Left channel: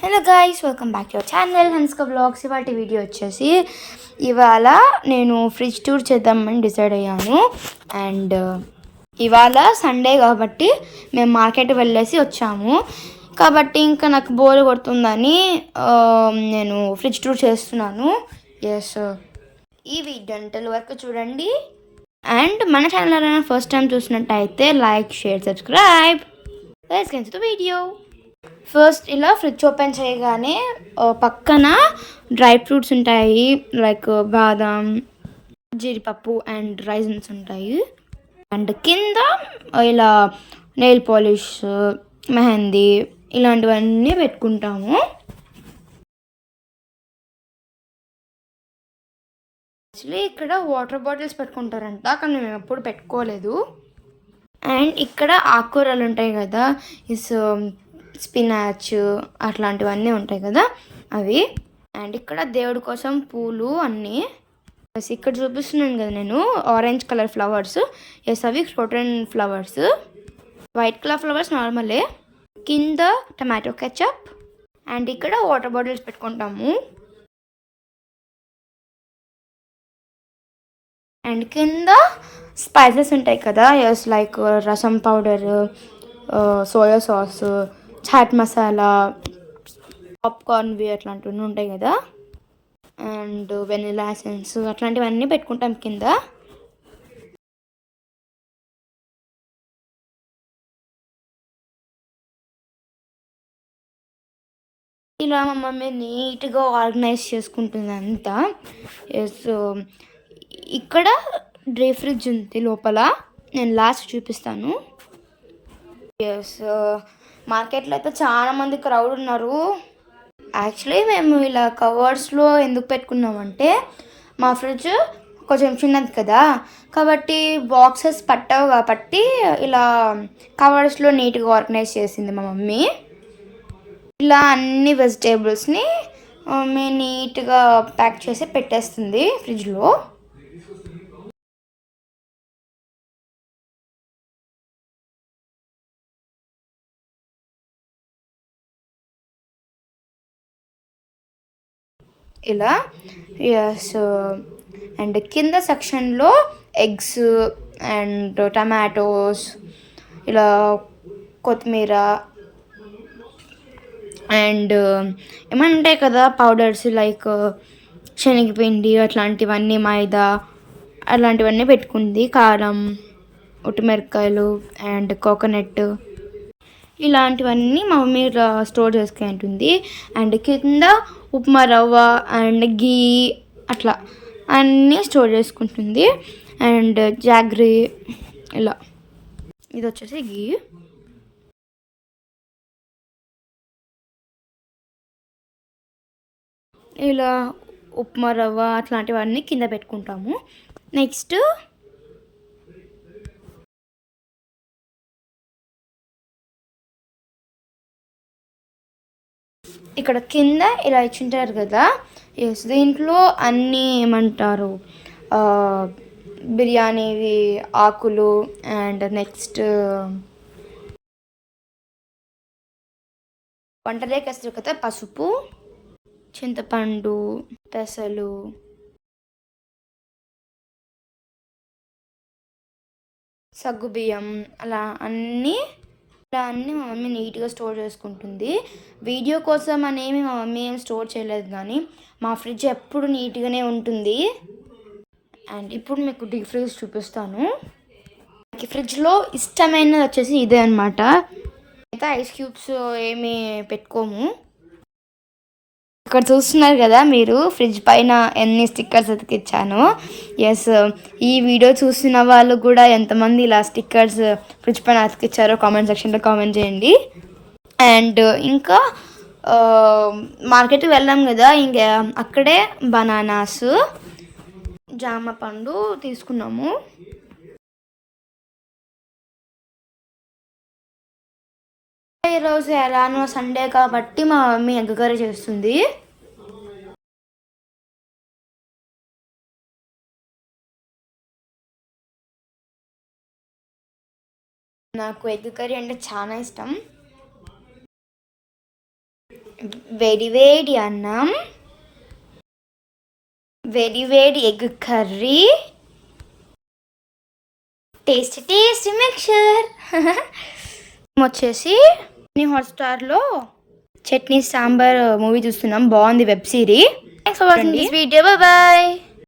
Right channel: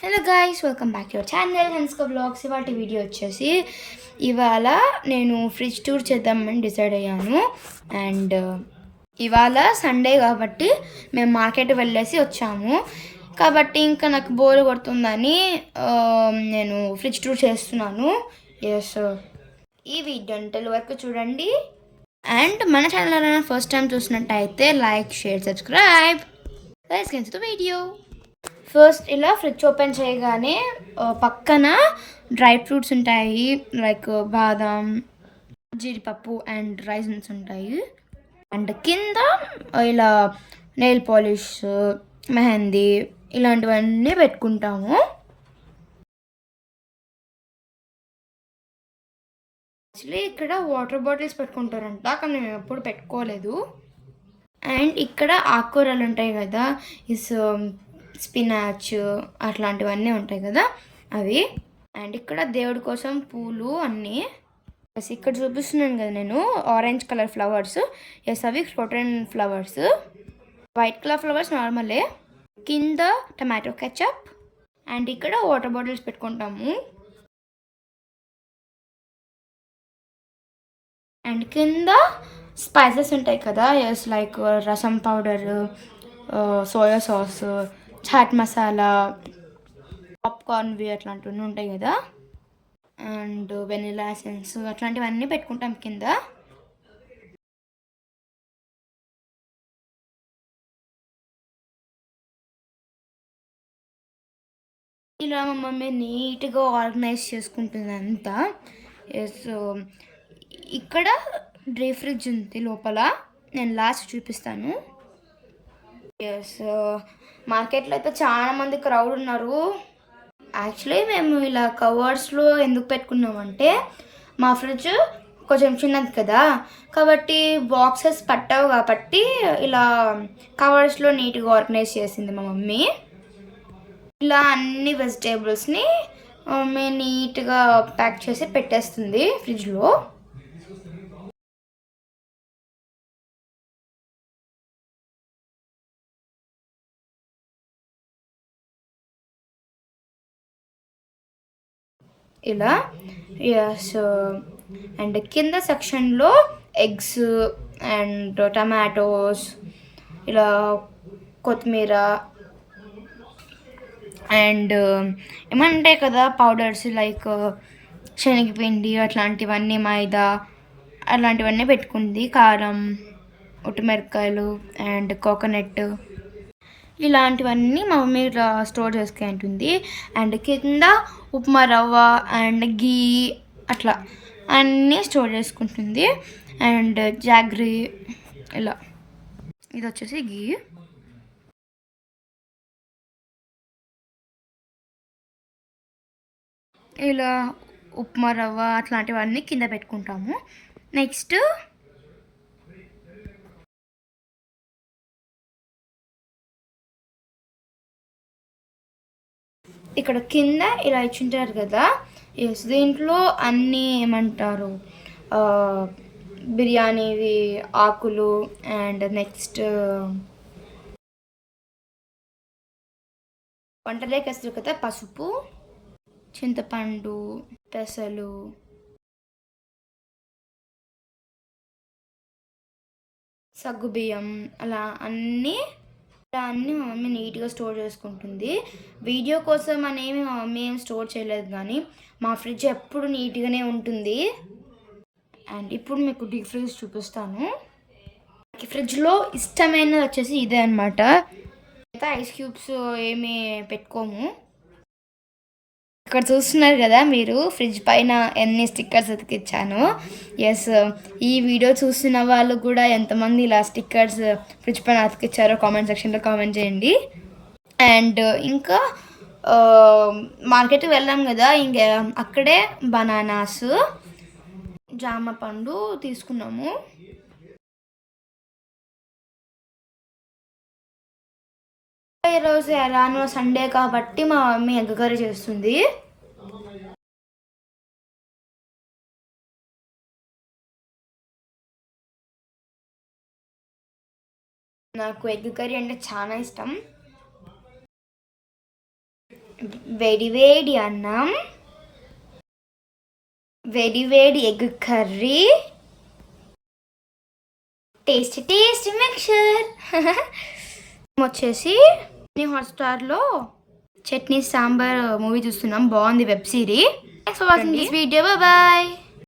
Hello guys, welcome back to our channel Hanska vlogs. ఇవాటి video వచ్చేసి ఇవాళ నేను ఫ్రిడ్జ్ టూర్ చేద్దామని డిసైడ్ అయ్యాను. అండ్ ఇవాళ సండే కాబట్టి మేము మార్కెట్ వెళ్ళేసి వచ్చాము. కాబట్టి ఇంకా నాకు బోర్ కొడుతుందని నేను ఫ్రిడ్జ్ టూర్ చేస్తున్నాను. ఎస్, ఈ వీడియో గంటల వరకు చూడండి. అండ్ మన ఛానల్ ఎవరైనా ఫస్ట్ టైం చూసినట్టయితే like, share, subscribe. Let's get to the video. First ఇలా ఫ్రిడ్జ్ ఓపెన్ చేయగానే పక్కన డ్రై ఫ్రూట్స్ ఉంటాయి, లైక్ బాదం, జీడిపప్పు అండ్ రైజన్స్ ఉంటాయి. అండ్ కింద ఇలా నెయిల్ పాలిష్, మెహందీ ఇలాంటివన్నీ పెట్టుకుంటాము. యాక్చువల్లీ ఇక్కడ వాటర్ బాటిల్స్ పెట్టుకుంటారంట, కానీ మేము ఎప్పుడు పెట్టుకోలేదు. అండ్ ఇక్కడ ఆకుకూరలు ఉంటాయి కదా, ఇస్ స్పినాచ్ అట్లాంటివన్నీ ఉంటాయి కదా అవి. అండ్ ఇక్కడ దేవుడి కోసం పూలు అన్నీ. ఎస్, ఇక్కడ చూపిస్తున్నాను కదా నేను ఆరెంజ్ కలర్ ఫ్లవర్స్. ఎస్, అవి croton flowers. White colour flowers నార్మలే. కింద టమాటో కెచప్. అండ్ ఇక్కడ వాటర్ బాటిల్స్ పెట్టుకుంటాము. అండ్ కింద స్పైసెస్ ఉంటాయి కదా, yes, like rasam powder, soya sauce, chaat masala, పాప్కార్న్వి అట్లాంటివన్నీ ఉంటాయి కదా. అండ్ వెనిలా ఎసెన్స్ అట్లాంటివన్నీ పెట్టుకుంటాం కింద. ఇలా మా మమ్మీ నీట్గా ఆర్గనైజ్ చేసుకుంటుంది అంతా. ఎస్, ఇక్కడ డ్రై ఫ్రిడ్జ్ ఉంది లోపల, నేను లాస్ట్ చూపిస్తాను. ఎస్, మార్కెట్లో అయితే చాలా మంది క్రౌడ్ ఉన్నారు. యాక్చువల్లీ మేము ఇలా కవర్స్లో ఎందుకు పెట్టుకున్నామంటే మా ఫ్రిడ్జ్ కొంచెం చిన్నది కదా, కాబట్టి బాక్సెస్ పట్టవు, కాబట్టి ఇలా కవర్స్లో నీట్గా ఆర్గనైజ్ చేసింది మా మమ్మీ. ఇలా అన్ని వెజిటేబుల్స్ని మమ్మీ నీట్గా ప్యాక్ చేసి పెట్టేస్తుంది ఫ్రిడ్జ్లో. ఇలా. ఎస్, అండ్ కింద సెక్షన్లో ఎగ్స్ అండ్ టమాటోస్, ఇలా కొత్తిమీర అండ్ ఏమైనా ఉంటాయి కదా పౌడర్స్, లైక్ శనగపిండి అట్లాంటివన్నీ, మైదా అలాంటివన్నీ పెట్టుకుంది. కారం, ఉట్టుమిరపకాయలు అండ్ కోకోనట్ ఇలాంటివన్నీ మా మమ్మీ స్టోర్ చేసుకుంటుంది. అండ్ కింద ఉప్మా రవ్వ అండ్ గీ అట్లా అన్నీ స్టోర్ చేసుకుంటుంది. అండ్ జాగ్రీ ఇలా, ఇది వచ్చేసి గీ. ఇలా ఉప్మా రవ్వ అట్లాంటివన్నీ కింద పెట్టుకుంటాము. నెక్స్ట్ ఇక్కడ కింద ఇలా ఇచ్చింటారు కదా, ఎస్, దీంట్లో అన్నీ ఏమంటారు బిర్యానీవి ఆకులు, అండ్ నెక్స్ట్ వంటలేకి వేస్తారు కదా, పసుపు, చింతపండు, పెసలు, సగ్గుబియ్యం అలా అన్నీ మా మమ్మీ నీట్గా స్టోర్ చేసుకుంటుంది. వీడియో కోసం అనేవి మా మమ్మీ ఏం స్టోర్ చేయలేదు, కానీ మా ఫ్రిడ్జ్ ఎప్పుడు నీట్గానే ఉంటుంది. అండ్ ఇప్పుడు మీకు డీప్ ఫ్రిడ్జ్ చూపిస్తాను. ఫ్రిడ్జ్లో ఇష్టమైనది వచ్చేసి ఇదే అనమాట. అయితే ఐస్ క్యూబ్స్ ఏమీ పెట్టుకోము. ఇక్కడ చూస్తున్నారు కదా మీరు ఫ్రిడ్జ్ పైన ఎన్ని స్టిక్కర్స్ అతికిచ్చాను. ఎస్, ఈ వీడియో చూస్తున్న వాళ్ళు కూడా ఎంతమంది ఇలా స్టిక్కర్స్ ఫ్రిడ్జ్ పైన అతికిచ్చారో కామెంట్ సెక్షన్లో కామెంట్ చేయండి. అండ్ ఇంకా మార్కెట్కి వెళ్ళాం కదా, ఇంకా అక్కడే బనానాస్, జామ పండు తీసుకున్నాము. ఈరోజు ఎలానో సండే కాబట్టి మా మమ్మీ ఎగ్ కర్రీ చేస్తుంది. నాకు ఎగ్ కర్రీ అంటే చాలా ఇష్టం. వేడి వేడి అన్నం, వేడి వేడి ఎగ్ కర్రీ, టేస్టీ మిక్చర్. వచ్చేసి హాట్స్టార్లో చట్నీ సాంబార్ మూవీ చూస్తున్నాం. బాగుంది web series. Thanks for watching this video. Bye.